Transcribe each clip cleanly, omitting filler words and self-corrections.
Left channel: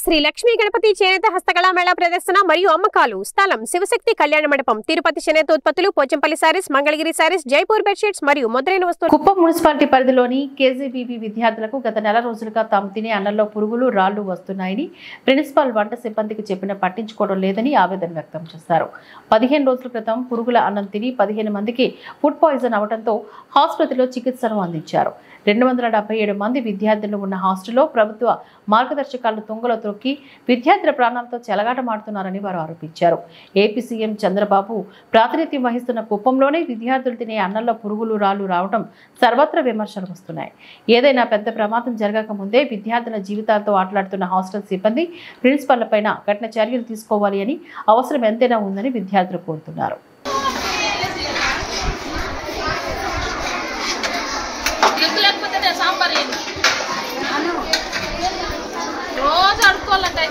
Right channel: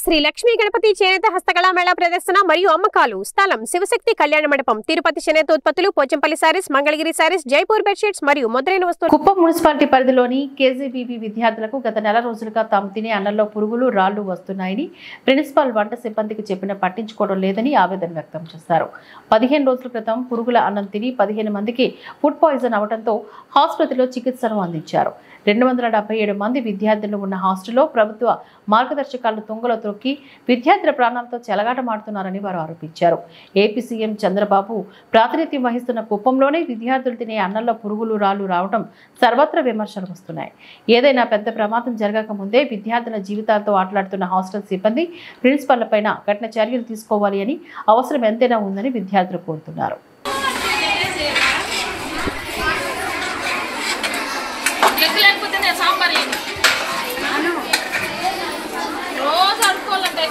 శ్రీ లక్ష్మీ గణపతి చేనేత హస్తకళా మేళా ప్రదర్శన మరియు అమ్మకాలు. స్థలం శివశక్తి కళ్యాణ మండపం, తిరుపతి. చేనేత ఉత్పత్తులు, పోచంపల్లి సారీస్, మంగళగిరి సారీస్, జైపూర్ బెడ్షీట్స్ మరియు మొదలైన వస్తువులు. కుప్పం మున్సిపాలిటీ పరిధిలోని కేజీబీబీ విద్యార్థులకు గత నెల రోజులుగా తాము తినే అన్నంలో పురుగులు, రాళ్లు వస్తున్నాయని ప్రిన్సిపాల్ వంట సిబ్బందికి చెప్పినా పట్టించుకోవడం లేదని ఆవేదన వ్యక్తం చేశారు. 15 రోజుల క్రితం పురుగుల అన్నం తిని 15 మందికి ఫుడ్ పాయిజన్ అవడంతో ఆసుపత్రిలో చికిత్సను అందించారు. 277 మంది విద్యార్థులు ఉన్న హాస్టల్లో ప్రభుత్వ మార్గదర్శకాలను తుంగలో తొక్కి విద్యార్థుల ప్రాణాలతో చెలగాటమాడుతున్నారని వారు ఆరోపించారు. ఏపీ సీఎం చంద్రబాబు ప్రాతినిధ్యం వహిస్తున్న కుప్పంలోనే విద్యార్థులు తినే అన్నంలో పురుగులు, రాళ్లు రావడం సర్వత్రా విమర్శలు వస్తున్నాయి. ఏదైనా పెద్ద ప్రమాదం జరగక ముందే విద్యార్థుల జీవితాలతో ఆటలాడుతున్న హాస్టల్ సిబ్బంది, ప్రిన్సిపల్లపైన కఠిన చర్యలు తీసుకోవాలి అని, అవసరం ఎంతైనా ఉందని విద్యార్థులు కోరుతున్నారు. రోజు అడుక్కోవాలంటే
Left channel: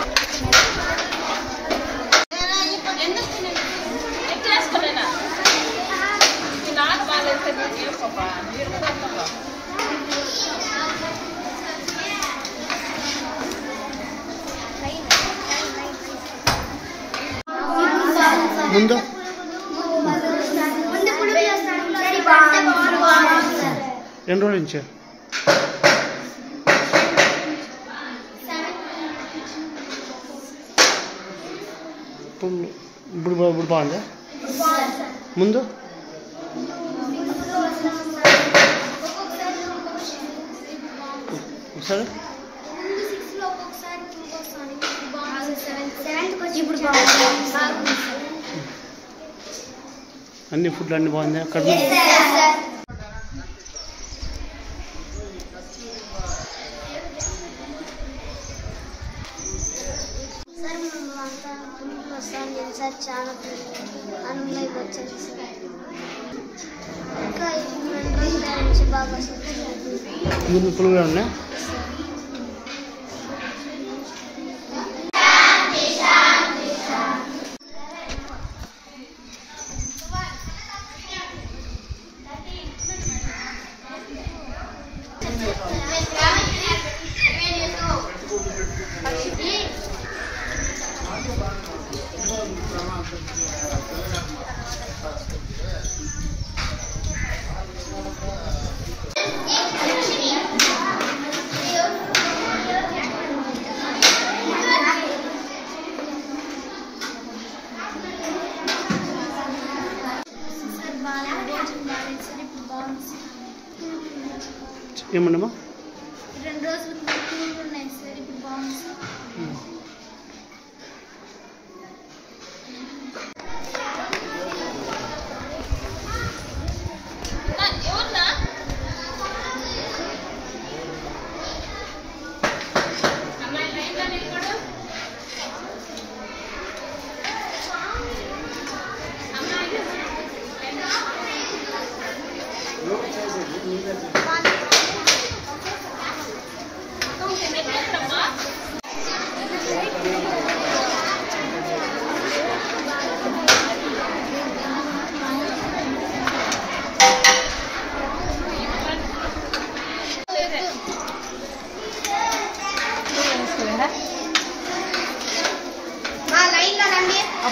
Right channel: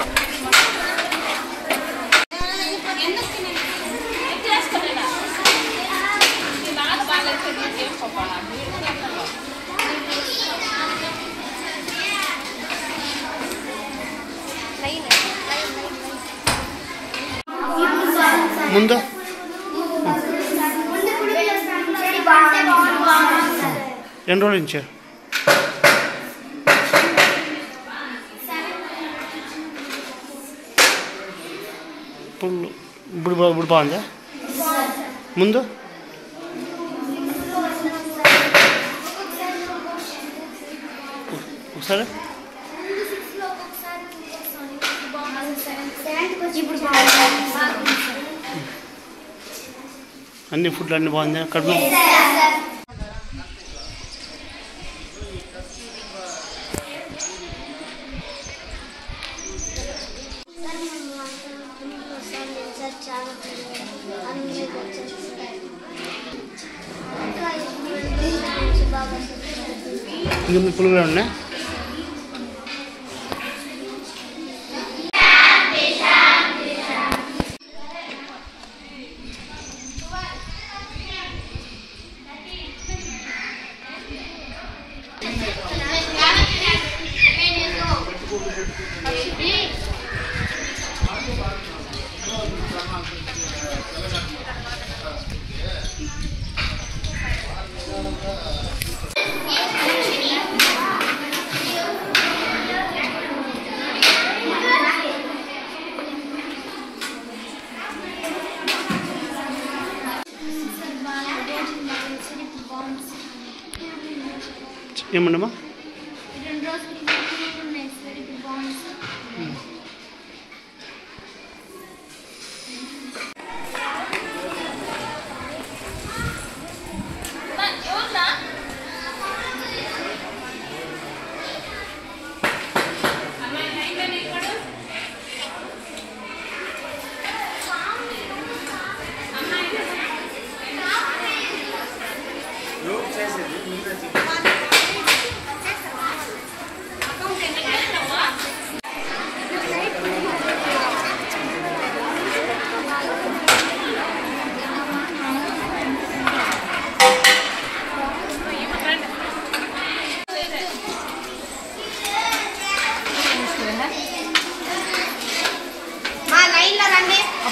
ముందు ఎన్ని రోజుల నుంచి ఇప్పుడు బాగుందా? ముందు ఒకసారి అన్ని ఫుడ్లు అన్నీ బాగుంది. కడుపు చాలా ఇంకా పులుగులు ఉన్నాయి. ఏమన్నామా? 2 రోజులు ఉన్నాయి సార్. ఇప్పుడు బాగుంది సార్.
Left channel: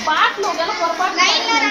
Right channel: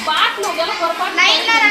బాట్లు పొరపాటు మేడం